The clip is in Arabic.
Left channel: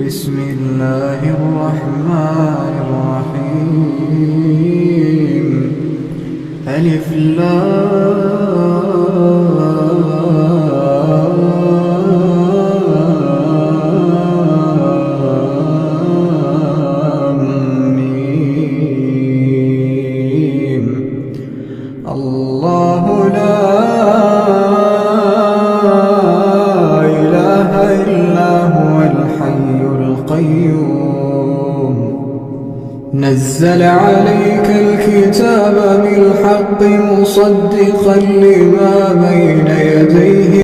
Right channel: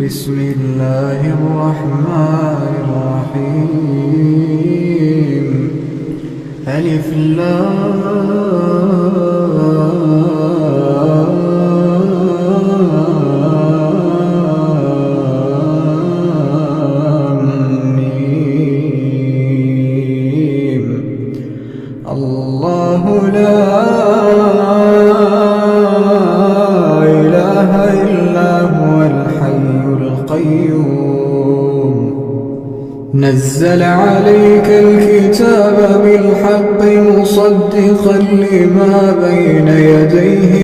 بسم الله الرحمن الرحيم. ألف لام ميم. الله لا إله إلا هو الحي القيوم. نزل عليك الكتاب بالحق مصدقا لما بين يديه